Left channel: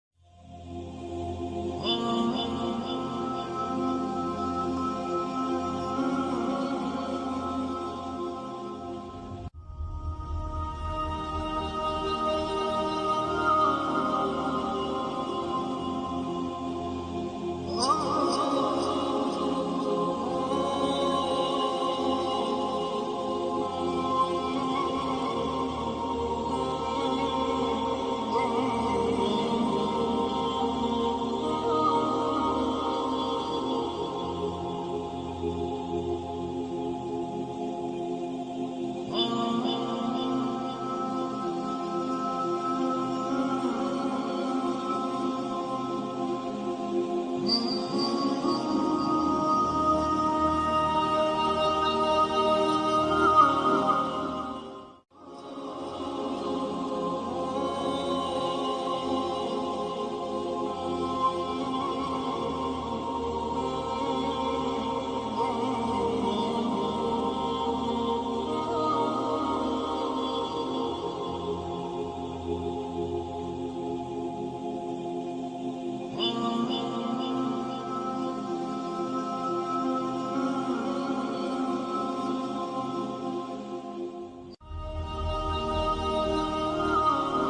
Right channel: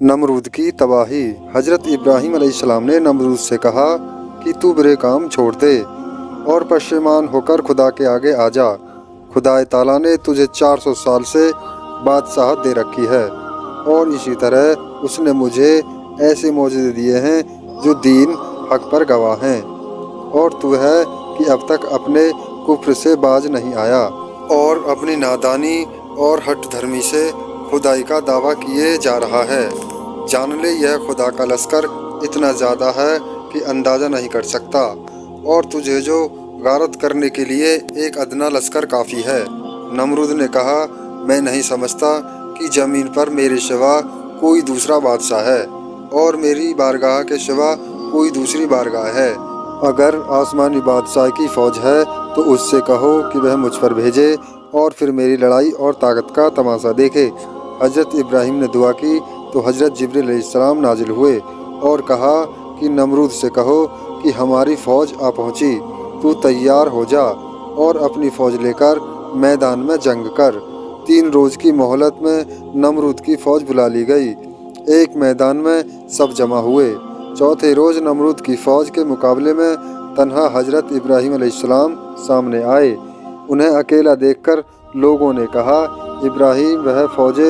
नमरूद की तबाही। हजरत इब्राहीम अलैहिस्सलाम ने नमरूद से कहा कि तू बुरे काम छोड़ दे और पश्चिमान होकर खुदा के आगे आ जा। खुदा ताला ने तुझे 400 साल से बादशाहत दे रखी है और इसी तरह उसने मुझे ऐसे मौजज़े दिए हैं जो दीन हक पर गवाह हैं, और तू है कि अब तक अपने कुफ्र से बाज नहीं आया और अपनी नादानी और हठ धर्मी से खुदाई का दावा किए जा रहा है। जान ले, यह खुदा का लश्कर इतना ज़्यादा है कि अंदाज़ा नहीं कर सकता, और तुझे जो गारत करने के लिए एक अदना लश्कर काफ़ी है। नमरूद ने कहा, मैं नहीं समझता कि ज़मीन पर मेरे सिवा कोई दूसरा बादशाह है और मेरी बारगाह के सिवा कोई दूसरी बारगाह है। अगर आसमानी बादशाह की फ़ौज है तो उससे कहो कि वह मुझ पर भेजे और फिर मेरी लड़ाई और ताकत का तमाशा देखे। हज़रत इब्राहीम ने दुआ की तो हज़रत जिब्रील अलैहिस्सलाम नाजिल हुए और कहा कि नमरूद से कहो कि हमारी फ़ौज आ पहुँची, तू तैयार हो जा और अपनी फ़ौज लेकर मैदान में जंग कर। 3 रोज़ की मोहलत में नमरूद की फ़ौज बुला ली गई। एक मैदान में सब जमा हुए। चौथे रोज़ नमरूद की फ़ौज के मुकाबले में तन्हा हज़रत इब्राहीम अलैहिस्सलाम सामने आए। उन्हें अकेला देखकर लोगों ने कहा, इब्राहीम, वह फ़ौज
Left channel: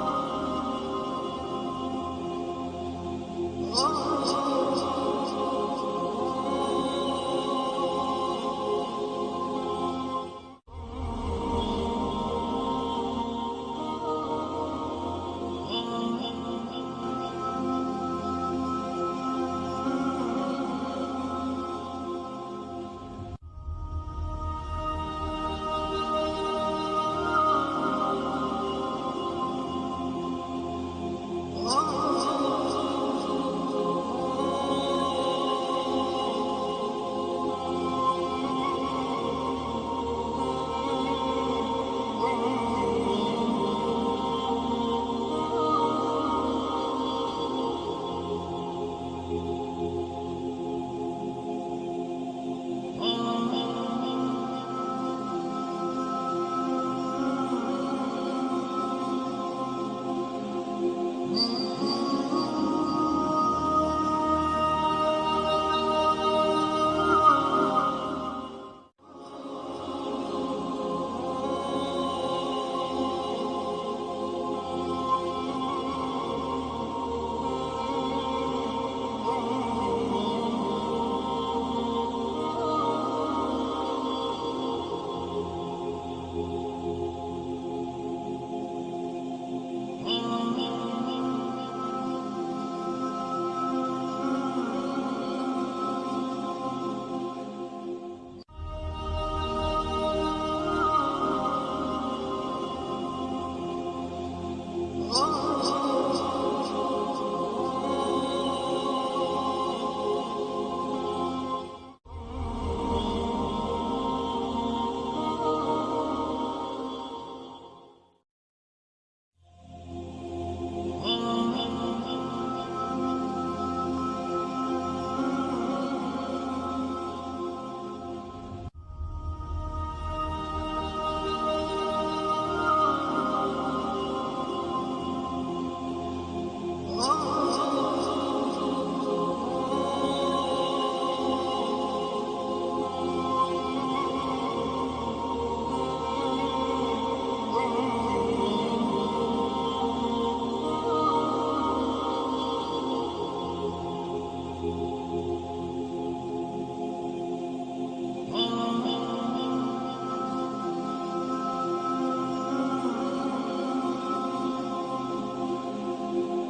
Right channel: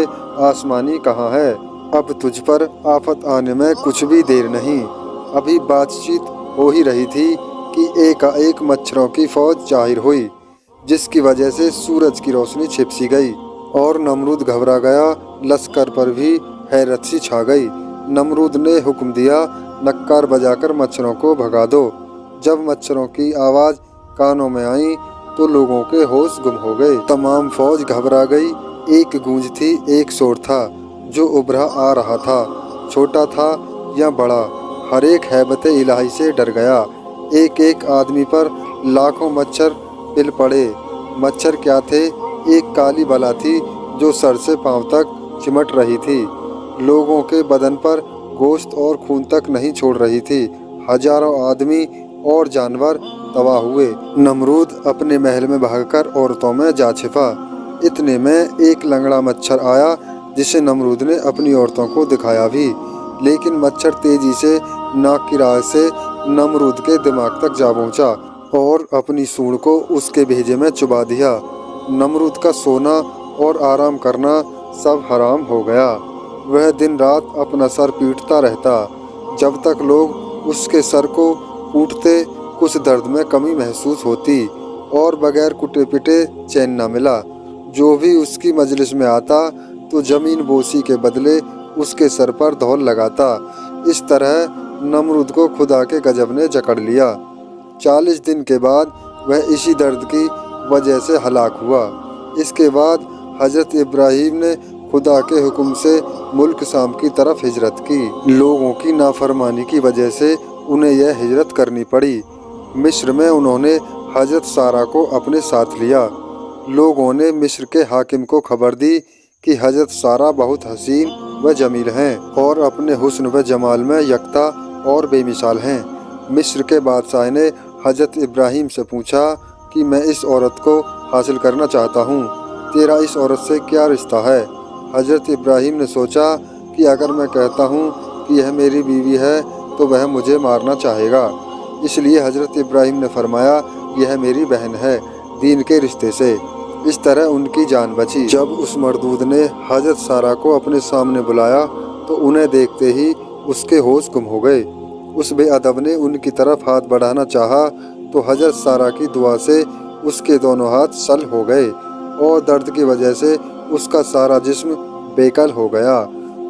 आसमानी कहाँ है? अब तुझ पर आफत आने में कुछ भी देर नहीं। अभी बातचीत हो ही रही थी कि एकाएक मच्छरों की फ़ौज ज़ाहिर हुई, जिसकी वजह से सूरज की रोशनी छिप सी गई और नमरूद घबरा गया। लश्कर पर भी हैरत सी छा गई। नमरूद ने हुक्म दिया, नक्कार बजाकर मच्छरों को भगा दो। जब मच्छरों की आवाज़ कानों में आई तो लोगों के होश गुम हो गए। तमाम फौज घबरा गई। एक गूंज थी, एक शोर था जो उभरा आ रहा था। छोटा था या बड़ा, हर एक हैबत इलाही से डर गया। एक एक आदमी पर लाखों मच्छर पिल पड़े। मच्छर क्या थे? एक काली बला थी जो सर से पांव तक चिमट रही थी। लोगों के बदन पर गोश्त और खून तक नहीं छोड़ रही थी। हजारों आदमी और जानवर तबाह हुए। नमरूद अपने महल में भागकर औरतों में जा छिपा। इतने में एक लंगड़ा मच्छर आया जिसे नमरूद ने अपनी औरतों को दिखाया भी, लेकिन मच्छर तेजी से नाक की राह से नमरूद के दिमाग तक जा पहुंचा और अपनी सूंड को उसके भेजे में चुबा दिया। नमरूद का सोना और आराम करना सब हराम हो गया। वह दिन रात अपना सर पीटता रहता। जब तक लोग उसके सर को कूटते कुछ दर्द में कमी महसूस होती और बगैर कुटे पिटे चैन न मिला। जो भी उसकी मजलिस में आता तो ज़मीन बोसी के बदले उसके सर पर धौल लगाता। इस तरह नमरूद को खुदा के गजब ने जकड़ लिया। 40 दिन के बाद वह इसी दर्द की वजह से हलाक हुआ। इसके बाद हज़रत इब्राहीम ने खुदा के हुक्म से मुल्क शाम की तरफ हिजरत की। लोगों की नाफरमानी की वजह से उन्हें यह हिजरत करनी पड़ी। मिस्र में उन्होंने हज़रत सारा को अपने साथ लिया। लोगों ने मिस्र के हाकिम को खबर दी कि हज़रत सारा बहुत हसीन व जमील हैं और अपने हुस्न व जमाल में यकता और बेमिसाल हैं। मिस्र के बादशाह ने हज़रत इब्राहीम से पूछा कि मैं इस औरत को हासिल करना चाहता हूँ, तेरा इस औरत से क्या रिश्ता है? हज़रत इब्राहीम ने सोचा कि अगर मैं कहता हूँ कि यह मेरी बीवी है तो वह मुझे मारना चाहेगा। इसलिए हज़रत इब्राहीम ने फरमाया, यह मेरी बहन है, दीन के रिश्ते से। इस तरह उनकी जान बची। जब उस मर्दूद ने हज़रत सारा को अपने सामने बुलाया तो उन्हें देखते ही उसके होश गुम हो गए। उस बेअदब ने उनकी तरफ हाथ बढ़ाना चाहा तो हज़रत सारा की दुआ से उसके दोनों हाथ सल हो गए और दर्द की वजह से उसका सारा जिस्म बेकल हो गया।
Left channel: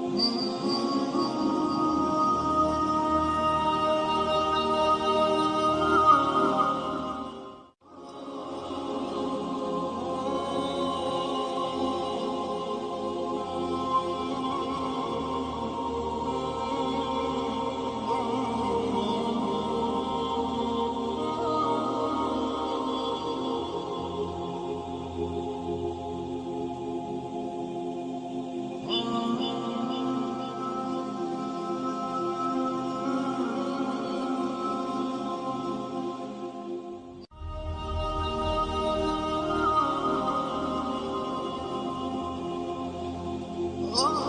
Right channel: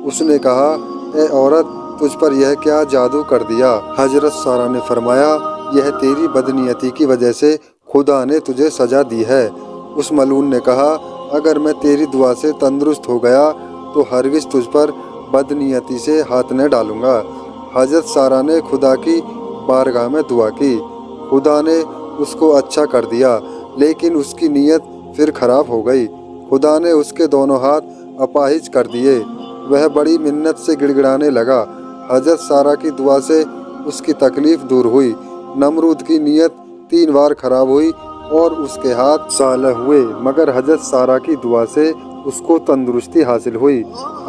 उसने कहा, ए औरत, तुझ पर यह क्या जादू कर दिया? हज़रत सारा ने फरमाया, यह तेरी बदनीयती की वजह से खुदा ने तुझे सजा दी है। उस मलून ने कहा, अगर मैं तेरी दुआ से तंदुरुस्त हो गया तो हरगिज़ तुझ पर बदनीयती से हाथ न डालूंगा। हज़रत सारा ने खुदा की बारगाह में दुआ की। खुदा ने उसको अच्छा कर दिया, लेकिन उसकी नीयत फिर खराब हो गई। खुदा ने उसके दोनों हाथ अपाहिज कर दिए। वह बड़ी मिन्नत से गिड़गिड़ाने लगा। हज़रत सारा की दुआ से उसकी तकलीफ़ दूर हुई। नमरूद की नीयत 3 बार खराब हुई और उसके हाथ सालह हुए, मगर हज़रत सारा की दुआ से उसको तंदुरुस्ती हासिल हुई।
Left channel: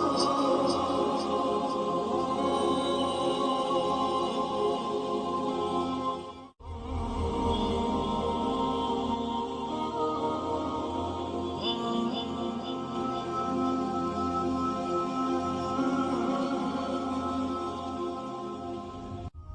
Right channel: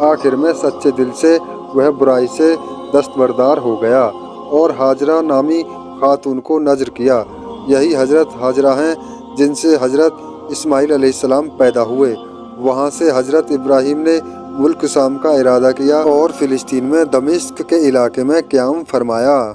आखिर में सच्चे दिल से وہ برائی سے دستبردار ہو گیا اور ہاجرہ نامی خاتون کو نذر کیا۔ یہی حضرت ہاجرہ ہیں جن سے حضرت اسماعیل علیہ السلام پیدا ہوئے۔ وہاں سے حضرت ابراہیم نے ملک شام کا ارادہ کیا اور فلسطین میں دمشق کے علاقے میں قیام فرمایا۔